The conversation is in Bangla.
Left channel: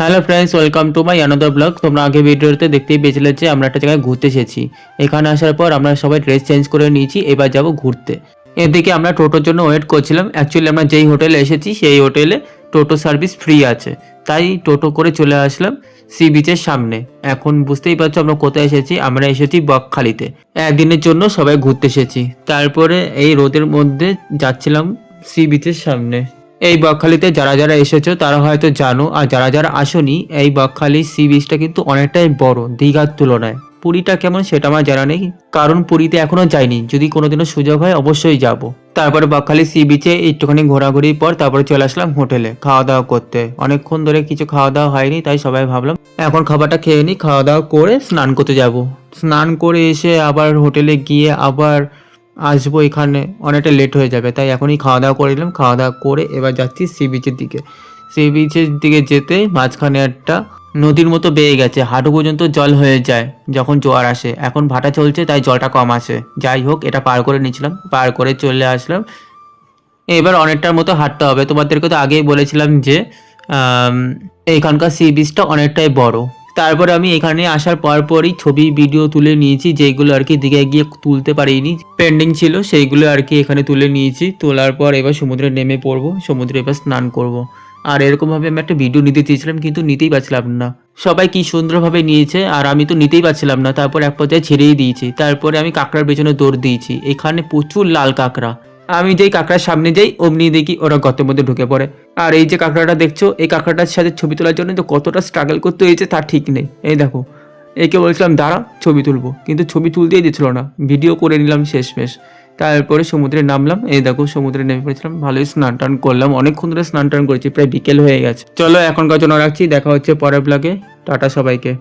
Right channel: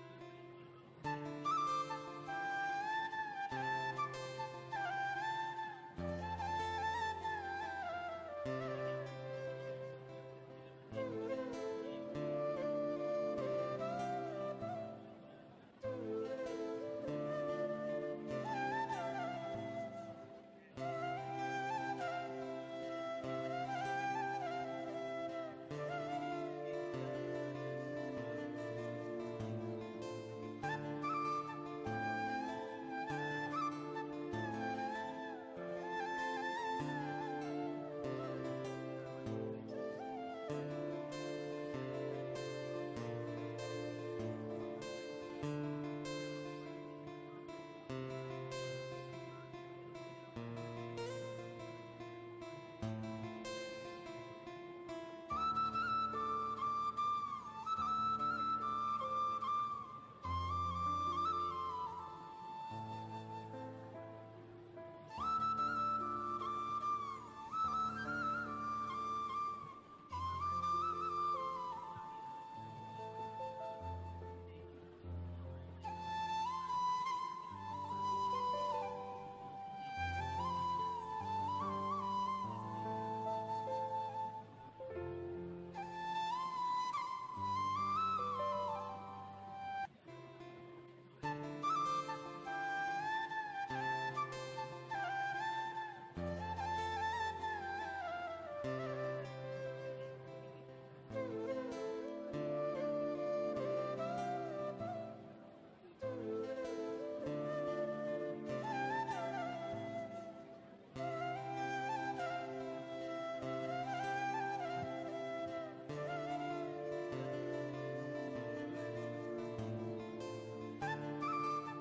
Hello friends, welcome to my another blog. তোমরা আগে ভিডিওতে দেখতেই পেয়েছিলে যে আমরা একটা জায়গায় ঘুরতে এসেছি। এখানে আসার পর আমরা সবাই ড্রেস চেঞ্জ করে নিয়েছি, এবার যাব ঘুরতে। এদিকে আমরা টোটোর জন্য ওয়েট করছিলাম। অ্যাকচুয়ালি আমরা যেই হোটেলে এসেছি সেই হোটেলে টোটো সার্ভিস ফ্রি আছে, তাই টোটো করে চলে আসলাম সি বিচের সামনে। এখন বুঝতেই পারছো আমরা কোথায় এসেছি। আমরা এসেছি বকখালিতে, একদিনের জন্য সবাই ঘুরতে এসেছি। তারপরে এই রোদের মধ্যে যাচ্ছিলাম সি বিচের সামনে। এই বকখালিতে যারা যারা এসেছো তারা হয়তো জানো, আর যারা যারা আসোনি, এই বকখালি সি বিচটা কিন্তু অনেকটাই বড় দীঘার তুলনায়। পুরীটা কেমন সেটা আমার জানা নেই, কারণ পুরীতে এখনো যাইনি। যদি কোনোদিনও সুযোগ হয় অবশ্যই যাব। তারপরে বকখালি সি বিচে একটুখানি ঘোরাঘুরির পর তারপরে চলে আসলাম হোটেলে খাওয়া দাওয়া করতে। অনেকক্ষণ ধরে কিছু খাওয়া দাওয়া হয়নি, তাই সবাই ভাবলাম এখন খাবারটা খেয়ে নিই, খাওয়া দাওয়া করে স্নান করতে যাব। স্নান করে এসে আবার হোটেলে গিয়ে আবার আসবো, এখানে অনেকটা লেট হয়ে যাবে, তাই এখনই খাওয়া দাওয়া করে নিলাম। খাওয়া দাওয়া করে এবার যাচ্ছি সি বিচের দিকে। সি বিচের দিকে যেতে মাঝখানে একটা নদীর মতো বেয়ে গেছে, হাঁটু পর্যন্ত জল হয়ে যায় যখন জোয়ার আসে। এখন ভাটা চলছে তাই জলটা কম আসে। যাই হোক, এটা পার করে নিয়েছিলাম, পার করে চলে আসলাম। এবার অনেকটার মতো হাঁটতে হবে। তোমাদেরকে তো আগেই বলেছিলাম যে আম, এইখানকার সি বিচটা অনেকটাই বড়। তারপরে আমি এখানে আসার পরই ছবি ভিডিও তুলে নিয়েছি, যেগুলো আর কি দিঘায় গিয়ে তুলতে পারিনি, পেন্ডিং ছিল, সেইগুলো আর কি এখানে তুলে নিয়েছি। তোলার পর এবার সমুদ্রে নেমে পড়বো, সমুদ্রে এবার স্নান করব। আর এরকমভাবে আমি একটা ভিডিও নিতে চেয়েছিলাম কিন্তু নিতেই পারছিলাম না। সবাই কি সুন্দরভাবে নিয়েছে আর আমি তো নিতেই পারছিলাম না। তারপর এক পর্যায়ে ছেড়েই দিয়েছি। তারপরে আমি কাঁকড়ার পেছনে দৌড় দিয়েছি। এখানে প্রচুর লাল কাঁকড়া। আমি যেই কাঁকড়ার সামনে যাই অমনি দেখি ওরা গর্তের মধ্যে ঢুকে পড়ে। আর এই যে কাঁকড়াটা দেখছো, এই কাঁকড়াটার সাথে ছবি তোলার জন্য তো কতটা স্ট্রাগল করতে হয়েছে তার ঠিক নেই। এই দেখো, একে বলছিলাম দাঁড়া ছবি তুলবো, কিন্তু ছবি তুলতেই দিচ্ছিল না। ভিডিও করে নিলাম শেষমেশ। তারপরে সমুদ্রে নামলাম। এই দেখো সমুদ্রে নেমে পড়েছিলাম, ভালোই স্নান টান করলাম। অনেকক্ষণ ধরে স্নান টান করেছি, প্রায় বিকেল হয়ে গেছে। চলো এখনকার জন্য রাখছি, দেখা হচ্ছে পরের ব্লগে। টাটা সবাইকে।